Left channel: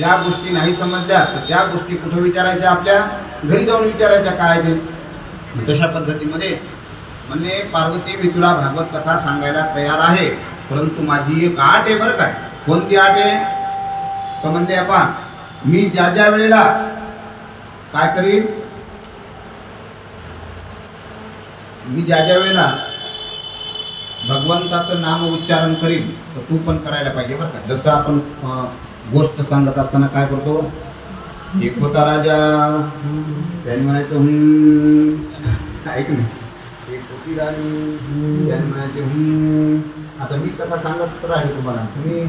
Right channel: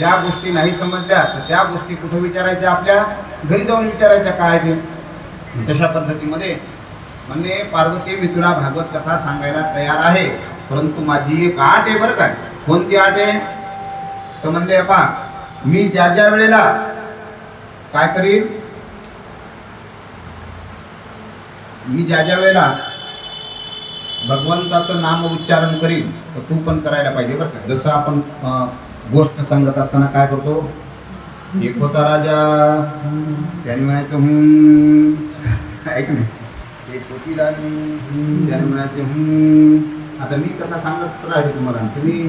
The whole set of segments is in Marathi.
ज्या गोष्टी नाही समजल्या तर त्या गोष्टी कुठं विचारायच्या, आपल्या घरी जाऊन विचारायच्या काय ते. तशा पद्धतीमध्ये म्हणजे पार्वती मी तुला भागवत कथा सांगायला तयार आहे, परंतु माझी एक आट आहे बरं काय. कोणती आट आहे तर म्हणजे पहा, मी ज्या ज्या वेळेला काय करीन, मी ज्या ज्या वेळेला भगवंताचं नाम उच्चारण करीन तर तू पण करायला पाहिजे बरं का. जसं आपण गोष्ट सांगत असताना काय करतो, एक होता राजा, त्याने म्हणायचं ऐक नाही, एक होती राणी, त्याने म्हणायचे आता मी कथा सांगत राहिलो तुम्हाला, तुम्ही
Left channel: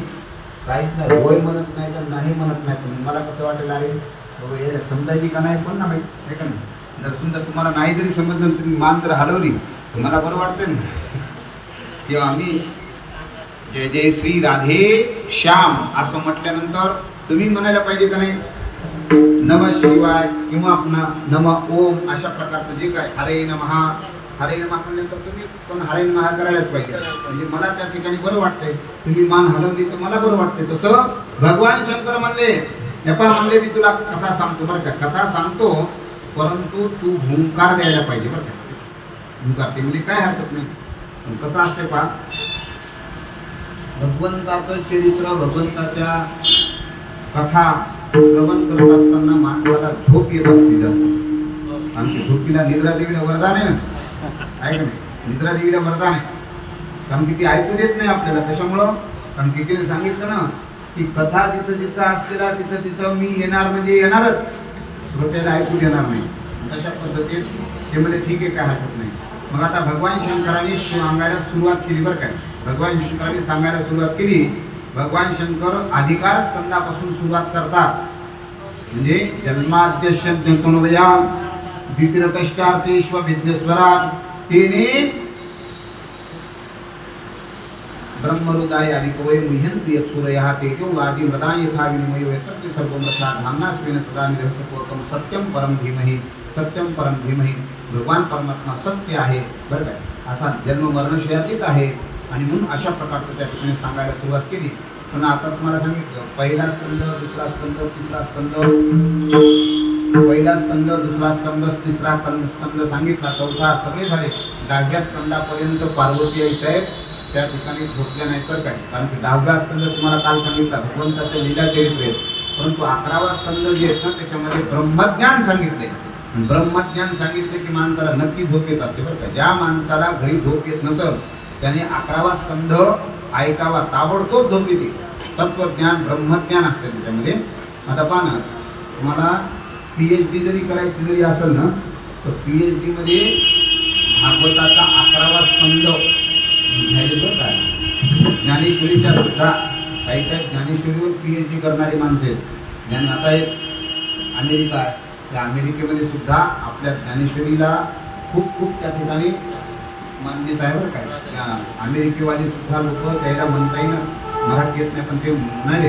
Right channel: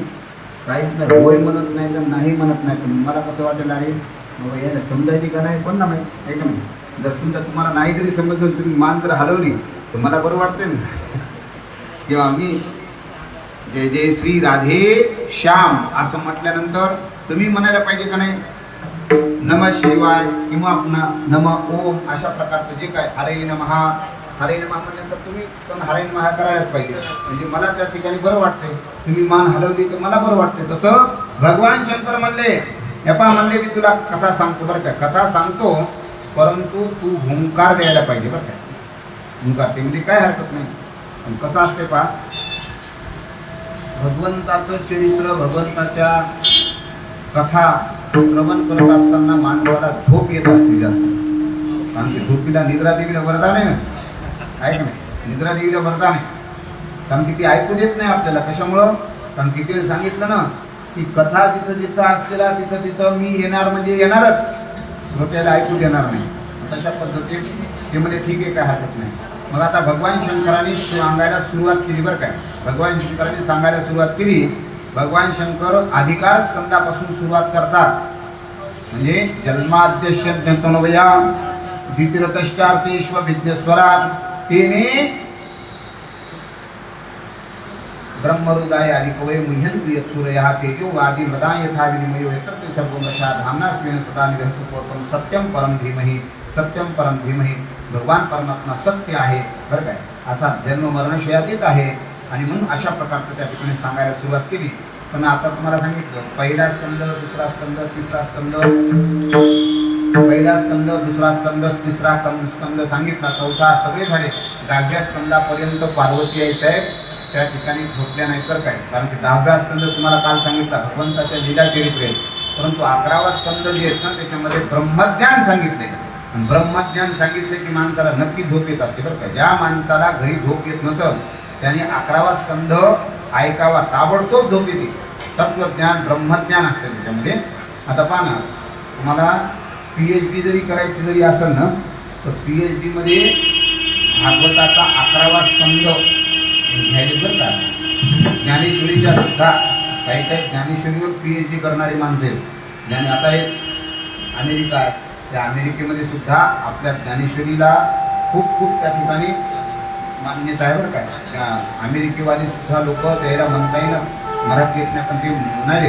काहीच नाही होय म्हणत नाही तर नाही म्हणत नाही, तर मला कसं वाटेल अरे बाबा याला समजायची का नाही पण ना माहीत आहे का नाही. जर समजा तुम्हाला नाही जरी समजलं, तुम्ही मान जर हलवली तर मला बरं वाटते ना. किंवा मी जय जय श्री राधे श्याम असं म्हटल्यानंतर तुम्ही म्हणायला पाहिजे का नाही, नम शिवाय किंवा पुन्हा नम ओम अशा प्रकारचं जे काय हरे नमः, हरे नमः म्हणल्यानंतर तुम्ही पण हरे नमः करायलाच पाहिजे. म्हणजे मला त्या ठिकाणी बरं वाटतंय, तुम्ही मान हलवली तर मला बरं वाटतंय. तसं भगवान शंकर म्हणले, यपा म्हणले की तुला कथा सांगतो बरं का, कथा सांगतो परंतु तू हुंकार द्यायला पाहिजे बरं का. हुंकार ते काय हरकत नाही, पण कसं असते पहा, भगवंताचं चरित्र, भगवंताच्या कथा श्रवण करत असताना माणसाला झोप येत असते जास्त. आणि ते झोपीला निद्रा देवीला वरदान आहे ना, आहे का नाही, निद्रा देवीला वरदान आहे. कारण की ती ऐकू देत नाही आपल्याला. कशामुळं, कारण तिथे सांगितलं ना की कथा जिथं जिथं असलेला तिथं तिथं मी येणार म्हणजे येणारच, श्रोत्याला ऐकू देणार नाही. तशा पद्धतीने ते म्हणजे ठीक आहे, काय हरकत नाही. मग आता भगवान शंकरांनी सांगायला सुरुवात केली बरं काय. भगवान शंकरांनी सांगायला सुरुवात केली. भगवान शंकर अधिकार स्कंदापासून सुरुवात करतात. म्हणजे जन्माद्यस्य जंतनवया द्वितीयकष्टार्केश्व विद्येश्वरा तेने ब्रह्मरुदाय आणि कवय मुह्यंतु यत्सूरयः तेजो वादी मृदा यथा विनिमयो यत्र सर्वमशा धामनास्मिन् सदा निरस्तपोतम सत्यम परम धीमहि, सत्यम परम धीमहि. भगवान परमात्मा सत्य आहे बरं काय. असा जन्म मरणशयातीत आहे आणि म्हणून अशा प्रकारचं त्या ठिकाणी सांगायला सुरुवात केली. पण आता तुम्हाला सांगितलं पहिला स्कंद, दुसरा स्कंद, तिसरा स्कंद, पहिला स्कंद, दुसरा स्कंद, तिसरा स्कंद सांगितला, चौथा सगळे झाले. 10व्या स्कंदापर्यंत पार्वती आई साहेब त्या ठिकाणी झोपल्या नाही तर काय. कारण की 10व्या स्कंद तुम्हाला काल सांगितला भगवंताच्या लीला चरित्र आहे, परंतु 11वा स्कंद जे आहेत ना त्याच्यामध्ये ब्रह्मज्ञान सांगितले. आणि ब्रह्मज्ञान सांगितलं की माणसाला नक्की झोप येत असते बरं का. ज्या माणसाला घरी झोप येत नसल त्याने 11वा स्कंद ऐकावा, ताबडतोब झोप येते. तत्वज्ञान ब्रह्मज्ञान असते त्याच्यामध्ये. आता पहा ना, तुम्हाला PhD जरी करायची जरी असेल ना तर PhD मध्ये भागवताचा 11वा स्कंद घ्यायचे बरं का. ज्ञानेश्वरीच्या सुद्धा काही काही ज्ञानेश्वरीवर PhD करणारी माणसं आहेत. आता एक अमेरिका आहे, त्या अमेरिकेमध्ये सुद्धा आपल्या ज्ञानेश्वरीला खूप खूप त्या ठिकाणी मान्यता आहे बरं काय. त्या अमेरिकेवाली सुद्धा लोक त्याला म्हणता येईल, मराठी येत नाही पण ते म्हणाले